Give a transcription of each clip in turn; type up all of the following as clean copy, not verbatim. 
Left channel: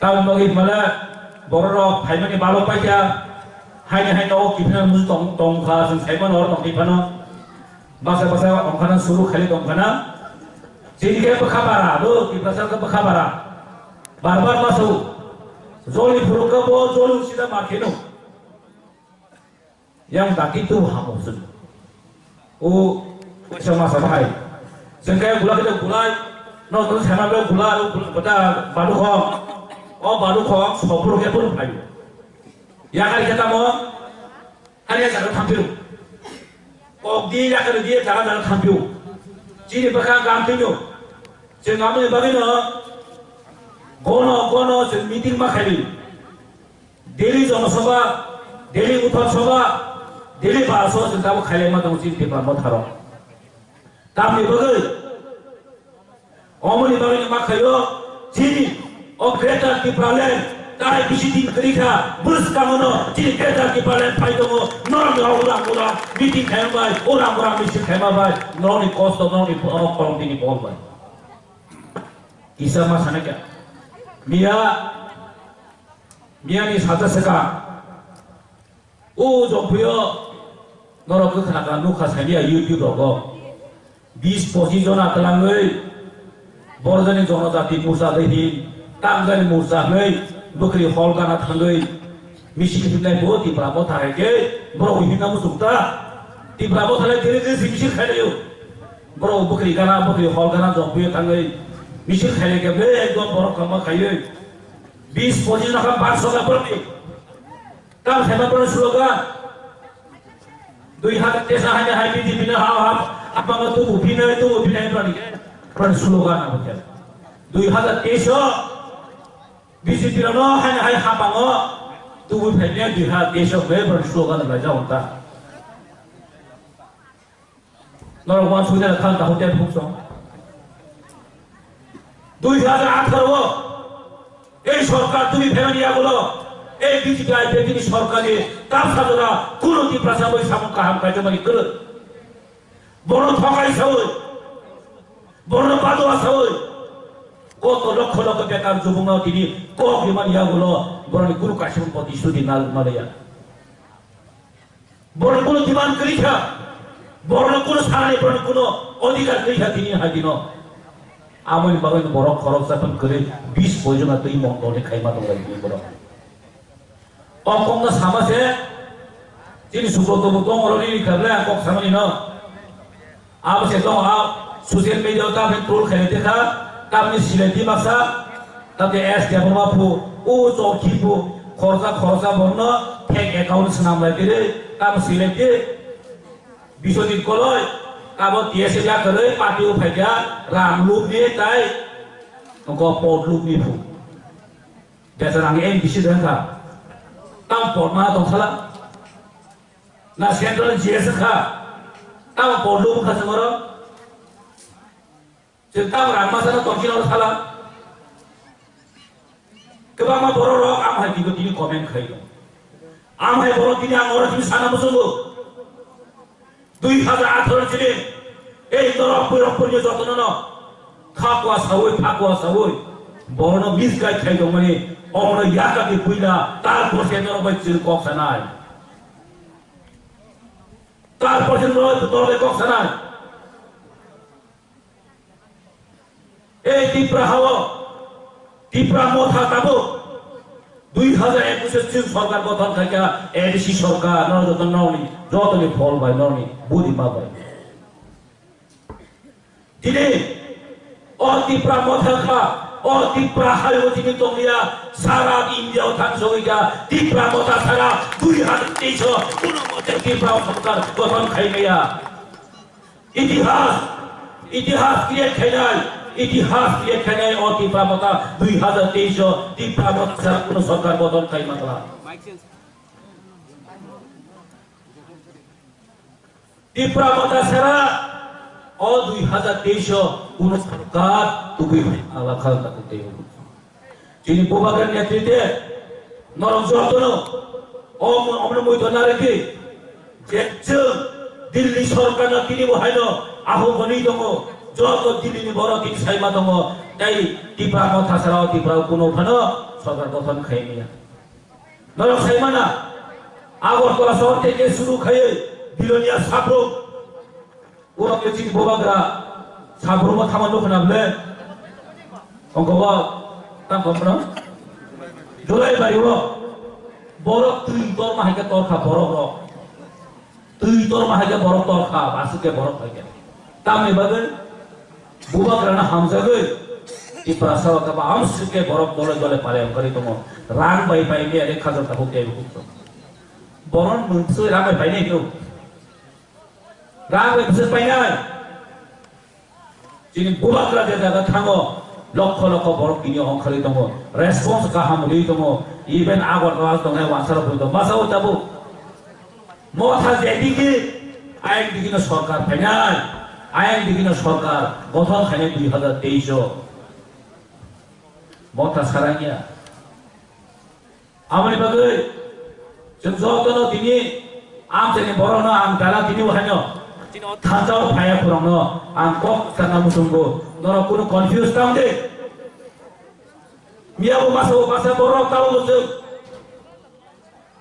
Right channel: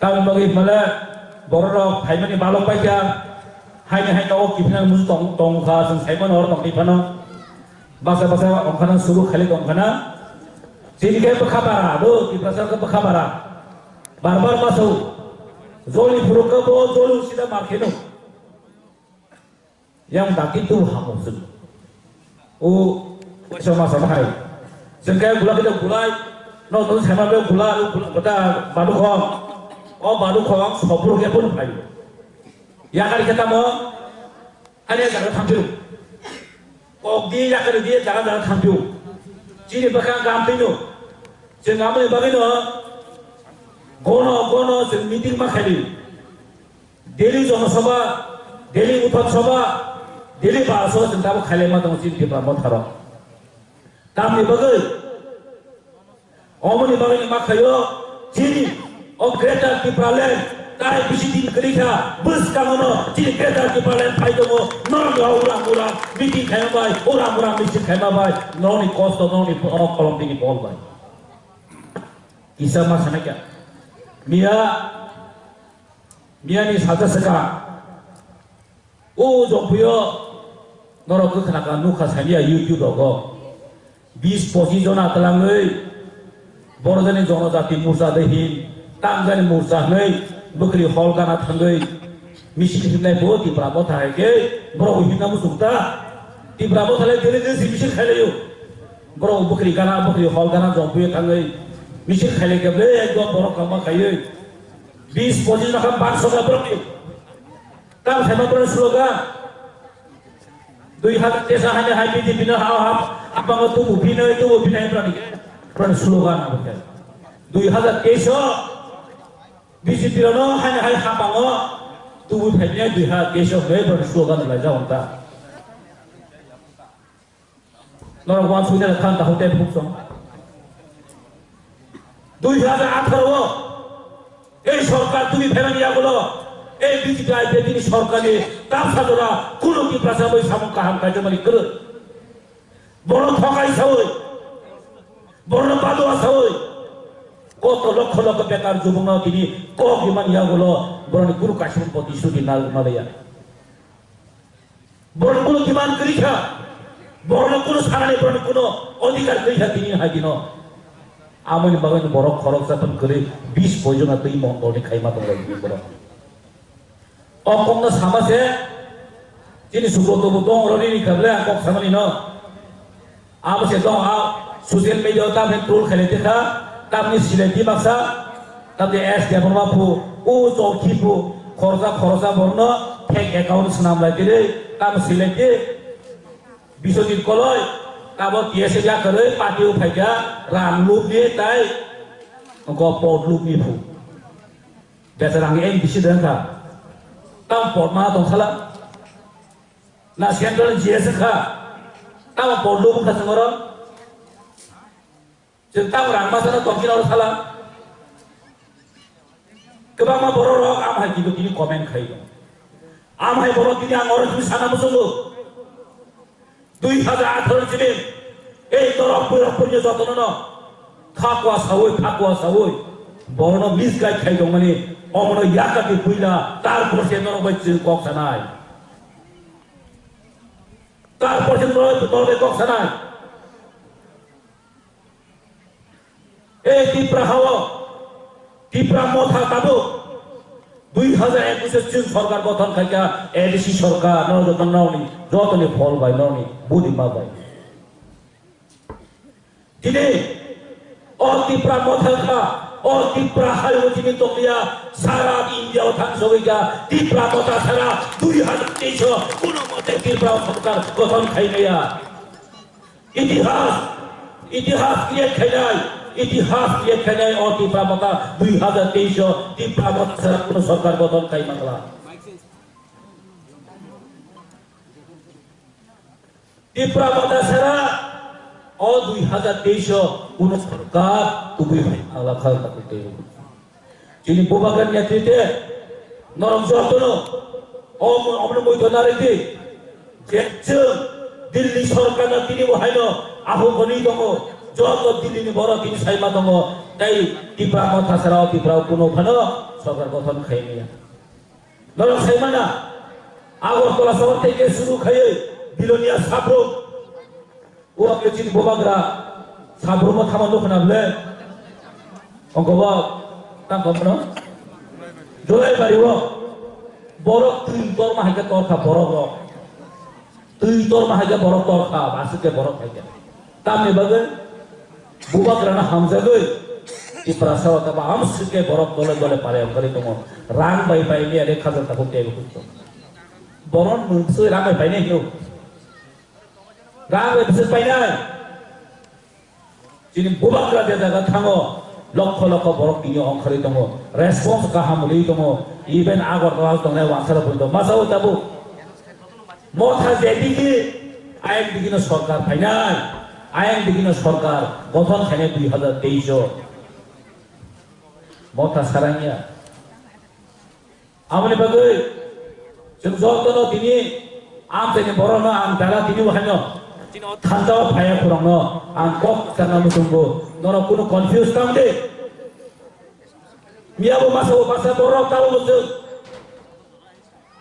Tahun bagi malah borok hai mani balok paja hai no kipna mus tong kha sang sai man or tong kipana basa ongkana suru khali ongkana jinke pakhabara do kipasa ka pakhabara barbar masu zoli furuka bo zolu sida makeno yang baki tu hamusun sama-sama hai sengkai gula kita gulai no terus sama be gula bata badu khong badu khong sobru ke pun pai ya kali kita mau hanya jangan tampil dia ya kali dia jangan tampil jadi bakal gampang tu jangan ambil bagaimana gono jeng meeting makhali Delhi jong sabha Delhi utham sabha Delhi baso jeng tamu khale ma dong jin tipa mo tharo tamni bagai omoni bagai makhayo jini greater Tipraland tai bisi din kerja bus kamono jini greater Tipraland pai dong orang meeting khaya bai orang meeting khaya bai noni cost noni kolom dini bol bai kisah masana kya Mia ni saja seka, jompuyo, norok tu kena kan nuka saya YouTube logo, 20-25 jona telangai, borjani jona jati musa dehi, tanggani musa nei, bukri hall kana thangai, misi kita bo ti bravo thare ke, bro hina musumta, ti bravo thare jere misi khale yo, bro bukri hall kana jompuyo thangai, misi khale ke be ekdom boro kama khaye. 20-25 nak bangsa ka berarti. Tam saya betul slogan. 2000 desa hanya happy di bina apa itu bina berarti. Peran slogan apa? 2000 desa bisi tirano hanya hai hapango tu bina 2000 desa berarti slogan belajar unta. Norwan sudah kan tahu dia fungsi. 2018 এই সরকার তুমি ফেলে দিয়া বলো এই বিজিটাই বেদিনী সরকারে তার সাজরা কুলতি প্রসাবই সামকা হাম কাজমারি করে বড় ঠকাই সই বড় বাদোয়া সই কত লক্ষ লক্ষ বেকার যুবক তিনি ক বিমান ইয়া বলো বড় গুরু কাশিম প্রতিশ্রুতি নাল মারিয়া বড় কোন বিমান করিছা বড় কোন সারানি বড় কোন অধিকার করিছা তিনি হাদিন Amun bagai borok khorok satan kere 20 pojona tei mongdone khaima tong lagi borok. Okong na sama se jini suboto butong roni ni karle akok sama ni no. Aba se dong social media ta ben troll khale te tha tamni sileti maksa tate es dia bonma pu jo kipu khorsa bonno fake account snam lai dire tam sileti bisodit koloi Kabo tiasa dia kerja pati upaja ram lup dia tay, engkau pot lup ni pun. Biasa orang bisi dengar, tam pot mana tong salah. Nasihat dalam jasa kah, tam pot lup kah seorang. Cerita orang masa na tong kira salah. Kebama borok amai tiga tini komen kaya. Amai borok tini angor tini sana musuh. 2018 ছিলেন এই তরফ যত্ন ন থাকুয়া সাউই বড় miss গাই খাই দং মানে অমর ইয়াকাকে বুইলা তারপর সে নরবাই চিল কক্সানাই তারপর সে নরবাই কক্সানাই এই টিপ্রা মথা কাবো 2021 সরকার গঠন খাইকা এডিসি সরকার নরযতন নওনি যতনে ফল ভাই নওনি বুদ্ধি মা ভাই তিনি টিপ্রা মথা টিপ্রা হাইও তিনি তোমরা সারা ইন্ডিয়া থাকসইগা টিপ্রা মথা সারা 2023 কোন মতে টিপ্রা সরকার গঠন খাইমেয়া ইতিহাস ক্রিয়েট খাইলাই ইতিহাস দিয়ে খেলে টিপ্রা মতা 2023 টিপ্রা মতা ছাড়া কোন সরকার গঠন খাই মাতলা টিপ্রা মতা ছাড়া 2023 কোন সরকার তুমি আল্লাহ খাল করতে যিনি বোবাগার নেতৃত্বে নরম যত্ন অমন মৈতনারিতে যে দিল্লি সরকার তিনি বহাইল আহ্বানী দङ যত দিল্লি বড় তিনি সাইমা দङ এই ত্রিপুরা কথা ছাড়াও ত্রিপুরাও কোনো ওখানে সরকার গঠন খাইনি নরক সাইমানা আগরতলা শহর থেকে শুরু খাইয়ে বিলোনিয়া সাবরুম ওরা কেছি বোবাগ্রা সাবরুমও থামানো খানাবলে অঙ্কবা তাঙ্কমনা জলাই বাড়িব বরফ তুই তোর মাহিকে তরখা বরফ তুই তোর মাহিকে বরফ তরখা বাসুকে বরফ খাইকে তামনি বাগে বোবাগ্রানা হামজাগে ত্রিপুরা সরকার বা আমসুকে বরফ দলে দলে পারে অঙ্কারি দङ রাং বাই বাই নিয়ে রেখা জনতা হতে হবে বরণ মোনसे রাং বাই বাই নিয়ে রাং বাই বিশেষ পাই নাই যিনি বোবাগ্রা যে জায়গা থাঙো লক্ষ লক্ষ বরফ কিনে অঙ্কারি দङ রেসপন্স গাহাম লই দङ ইভেন আগরতলা দङ ওয়াসারা বলতো মাসাও যাবো মথা যেদিকে আইন দিকিনো সরকার ফাইনাল আইন দিকিনো সরকার গঠন খানে 2023 মথা সারাঙ্গিয়া আমনি বাগৈ जों जतनो दिनि आम जेने बरनो आं दाला दिनि वहायनो दिनो थांजाव फाया खुरांनो आं कक साना मुसुंगो नरो कुनो कन्फ्यूज ताम दे मियाबो मासो बासा बर ताव जों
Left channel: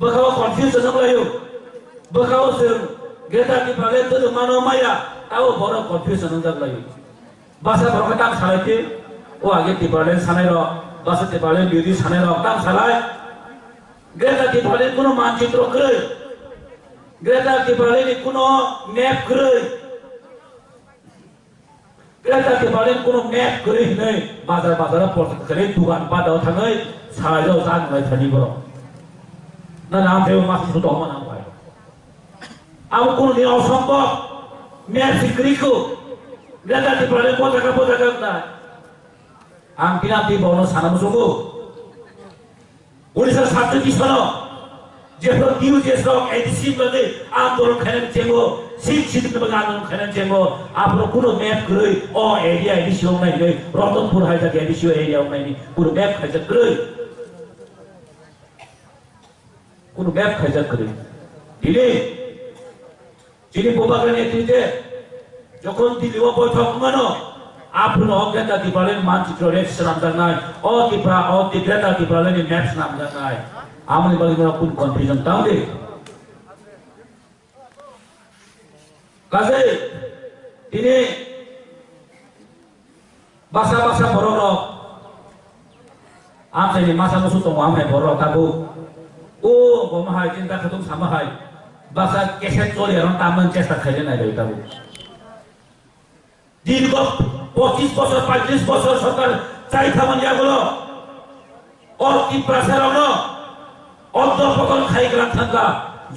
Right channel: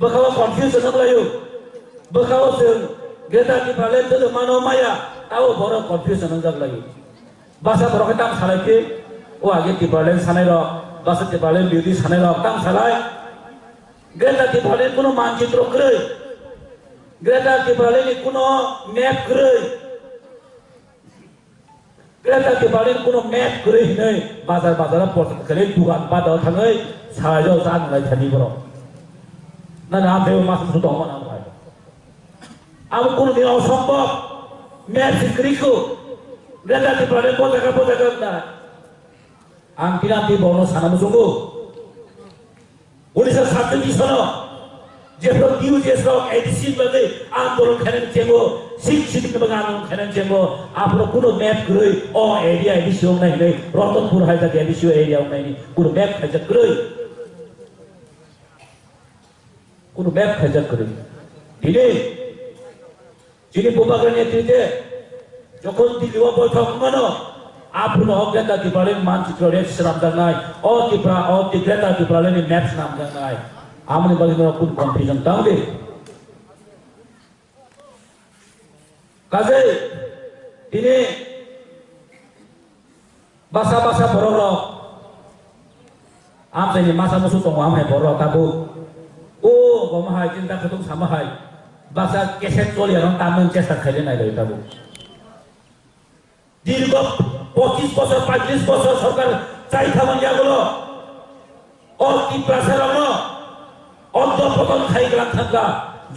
बखाव कन्फ्यूज नंलायो बखाव जों गेदानि फाले तो मानो माया ताव बर कन्फ्यूज नंजालायो बासा बरखै ताम सालायके ओ आगे तिपाले सानाय र बासा तिपाले बिदि सानाय र ताम सालाय Greta Tipaleen kuno mancitro krei, Greta Tipaleen kuno map krei, Greta Tipaleen kuno map krei nih, bazar porter krei tuhan pada thangai sahaja usahan mulai thani bro, na naam dewa masuk sudah mana apa? Aku kuno dia osombok, map sikriku, Greta Tipaleen pojaga na, angkina ti bono sana musuhku. Orissa छात्र की सनो जेफ्रो Q जेस्रो ADC बगे आंदोलन खनन चेमो शिक्षित में बगा आंदोलन खनन चेमो आपरो कुनो मैप गरे ओ एरिया एडीसी हो नहीं रतनपुर हाइजा एडीसी एरिया हो नहीं कुनो मैप खजा गरे कुनो मैप खजा गरे दिले जिनि बोबागरे नेतृत्वे যখন দিল্লিও বৈঠক মানো आपनो अज्ञाता तिपालेन मानचित्र रेक्स नाम जानाय अतिग्रता तिपालेन मैप्स नाम जानाय आमने बलिनो कुन कन्फ्यूजन तांदे काजे दिने बासा बररो आमसेनि मासा मुसु दङ आमहाय बररो काबु ओ गमहाय चिन्ता खतुम सामहाय बासा केसेट चलियारन तामन चेष्टा खाइलेनाय दै काबु दीर्घ 25 বছর 35 বছর সরকার চাই থামানিয়া গেল অতি প্রেসারন অধ্যপতন খাইগলা থাকা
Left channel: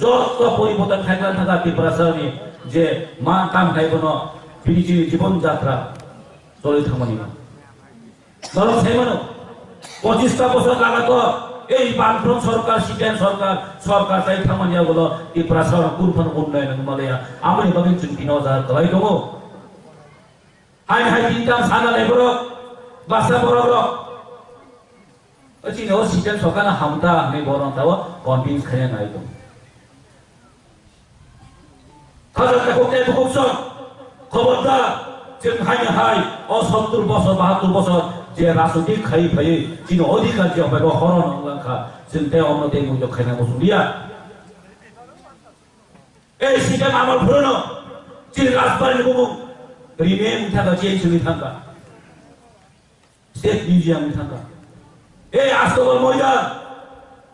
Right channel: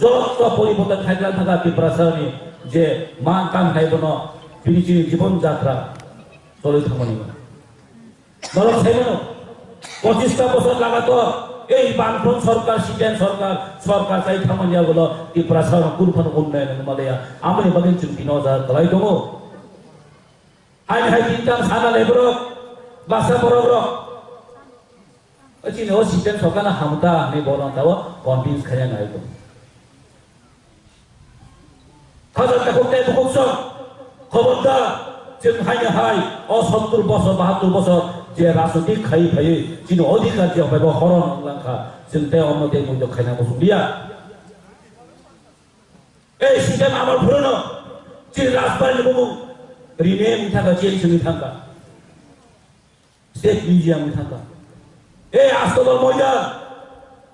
যত পরিবর্তন খাইগলা থাকা তি প্রেসারনি যে মান কাম খাইবন বিনিজি জীবন যাত্রা চলে থামানিয়া নরম সাইমানো 25টা বছর লাগাতো এই বামফ্রন্ট সরকার সিটেন সরকার চাই থামানিয়া গেল তি প্রেসারন কুরফন উন্নয়ন মালয়া আমনি বাগিন চিন্তিনো যা Dalai দङ hai bintang sana lebro basa bororo achino sitan sokana hamta ne borong tawa convince khaya nai to khaja ta kokte bokson khoborda jeng hai o 70 বছর 72 বছর যে রাজনৈতিক খাই ভাই যিনি অধিকার যে হবে হরণ অঙ্গা চিন্তা অন্যতে মুজো খাইনা বসুলিয়া এই সিস্টেম আমার পুরনো যিনি রাজবাড়ি বুবু Remain thangka change ni thangka, state museum ni thangka, Astobal Moya,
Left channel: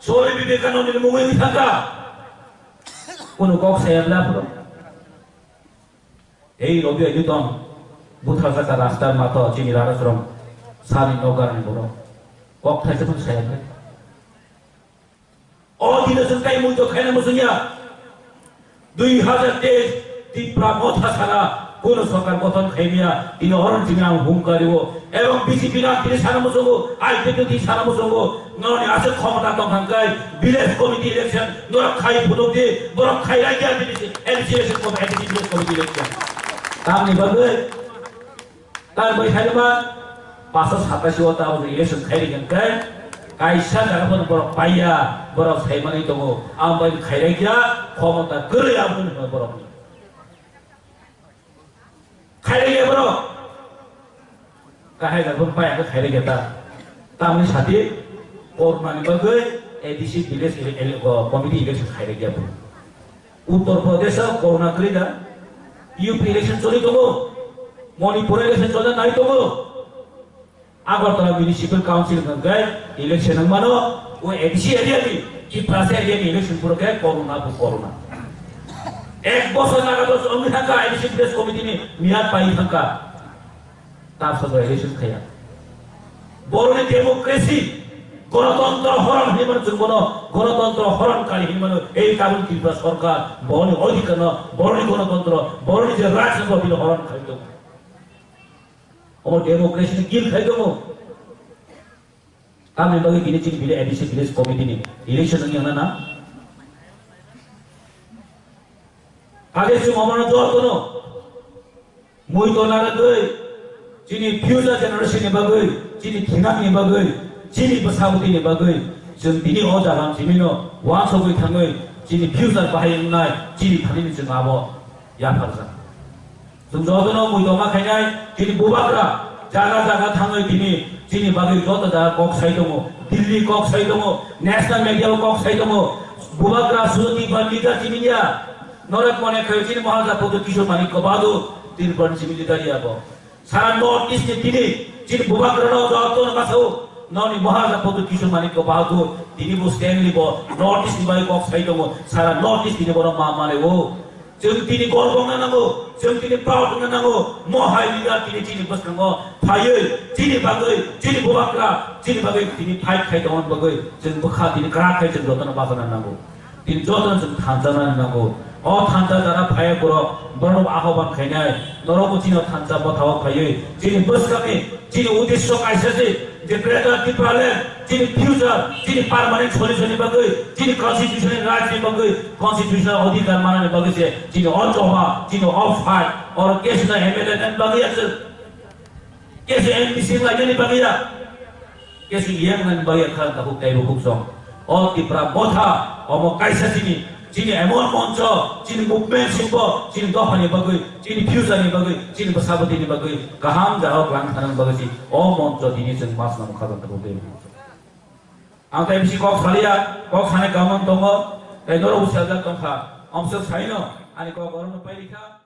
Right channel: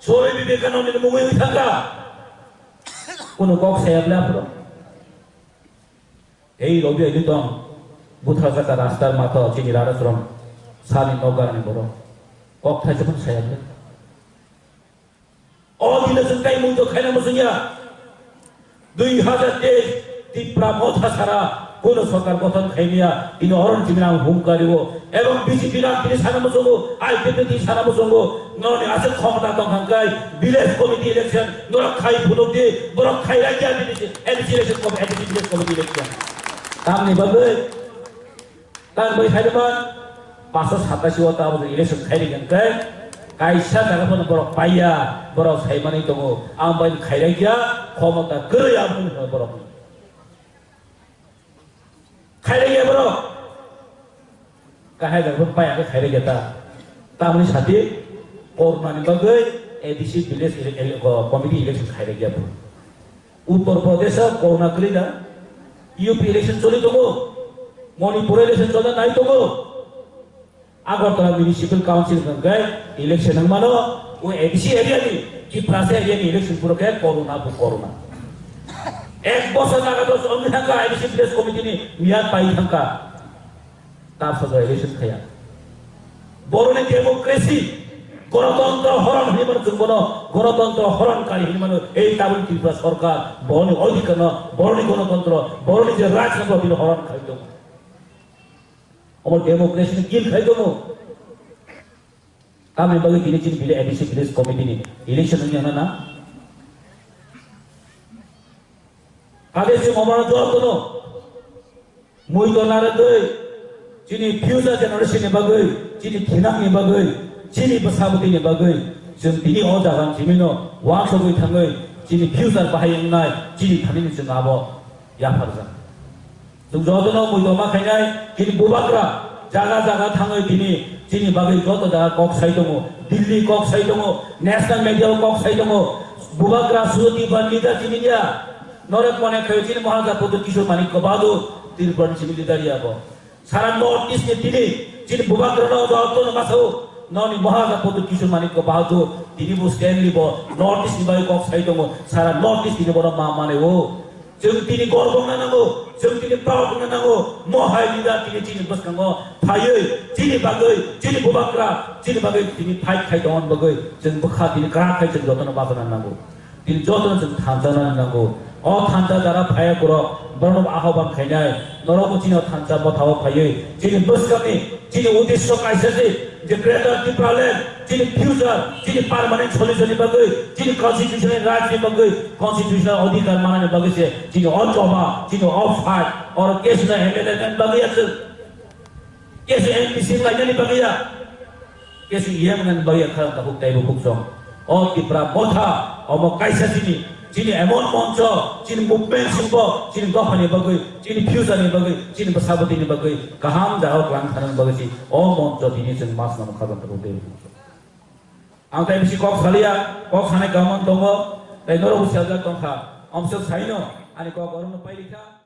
Swami Vivekananda ni mungkin ni thangka, kuno kok saya belapro, Robby ini ton, buta kata rastar mata cini rara seram, sani nogar ni boro, kok thai sepun saya belap, oh tidak sentai muncul kena musuhnya, 2023 di Pramodha Sara. কোন সরকার গঠন খাইনিয়া ইনি হরণ চিনাম হুম করিব এবং BJP না তিনি সারা মুসঙ্গ IPP সারা মুসঙ্গ ননে আছে ক্ষমতা দংখাঙ্কাই ভিলেজ কমিটি ইলেকশন নর খাই ফুটক দিয়ে বড় খাই রাজ্য এডিসি ইলেকশন কমিটি ইলেকশন তামনি বলবে তার বই খাইবা 587 ওটা ইলেকশন খাইরিগেন কাই কাইসা জায়গাফোর বড় পাইয়া বড় সাইমানি দङ আম বাই খাইরাইয়া ক্ষমতা গরে আমন বড় kahai dah berpaya ke khairi kita. Tamri sati korban bagai ADC village committee election khairi kita. Uttar Pradesh corona kerja, UP election coli togo, Manipur election coli naik togo. Agartala municipal council kan gay election ang mano, वो ADC area ni, kita area ni election pura gay corona. एक बस लगा तो अमित का addition press committee ने मियाद पाई का ताप सब एडिशन खाया बोरने डेमोक्रेसी गणतंत्र हरण हिमन जुबनो गणतंत्र हरणकारी हिमन এই কারণ ত্রিপুরা সরকার বরনি অধিকার বরনি গণতন্ত্র বরনি যে রাজতন্ত্র বিল হরণ খাইতো আমার ডেমোক্রেসি নে কিল খাইতো কামে বগে দিনে চিন বিলে এডিসি প্রেস কমিটি নে ইলেকশন নি না आगे से ममाना जो तो नो मुई तो नारे दो चीनी फ्यूचर जनरेशन ने बागै चीनी खिनाक ने बागै चीनी बसाबती ने बागै जों दिनि अ जागान जिमिनो वां सबै थाङै चीनी फ्यूचर बाहायनाय चीनी थानिनि जों आबो याफारजा जों जदनो मुई तो मा खायनाय चीनी बुबाग्रा जागा थाङै दिनि चीनी बागै जत दा कक साइ दङ दिल्ली कक साइ दङ नेशनल मिडिया कक साइ दङ बुबाग्रा सुति बनिदा चीनिया नरक मने खयचिन महाजापुर किशोर मानिक को बादो तीन बन सिमिली दरिया बो सारा नॉर्थ ईस्ट ने तिनी चिन बुबाग्रनो जतो न मासो ननि महाजापुर किशोर मानिक को बादो तिनी बो स्टैंडली बो नॉर्थ ईस्ट बाय कक साइ दङ सारा नॉर्थ ईस्ट तिनी बो मा माने ओ जों तिनी गरबं नांगौ जों तिनी प्राउड नांगौ महाय लिडार तिनी चिनि बसनांगौ फायै चिनि बागै चिनि बुबाग्रा चिनि बागै तिनी फाइट खाइ दन बागै जों बखा तिनी करा खाइ जों जतन बासना नांगौ तिनी जतन जों थांजाना नांगौ अ थांजा जाना फाया बर बरम आह्वान खायनाय नरको चिनो थांजा बथाव फायै चिनि बसकानि चिनि उद्देश्य कायसेसे जे ग्रेटर त्रिपुरालेण्ड चिनि फ्यूचर चिनि परमानेंट सल्युसन बगै चिनि कन्स्टिट्यूशन राज्य बगै कन्स्टिट्यूशन अधिकार मानने बगै से चिनि अजमा चिनि अफ फाइट और केस न एमएलए न बगै আছে केस एमपीसी लाइननि बगै केस यम न बगै खा त हुक ताइ हुक सम अ त्रिपुरा मथा अम कायसेसिनि चीनी एमोन मंच चीनी मुवमेंट सिंबो चीनी दफानि बगै चीनी फ्यूचरनि बगै चीनी बसाबतीनि बगै गाहाम जाव ग्लां थानन बगै सी अ मंच दिनि जों मास नाम खागन त बे आं ताइ बिसि कक सालिया कक साने गामन दङ ताइ नरो उसाजा दंखा अमसो साइनो आनि कक अरन पाइलिखा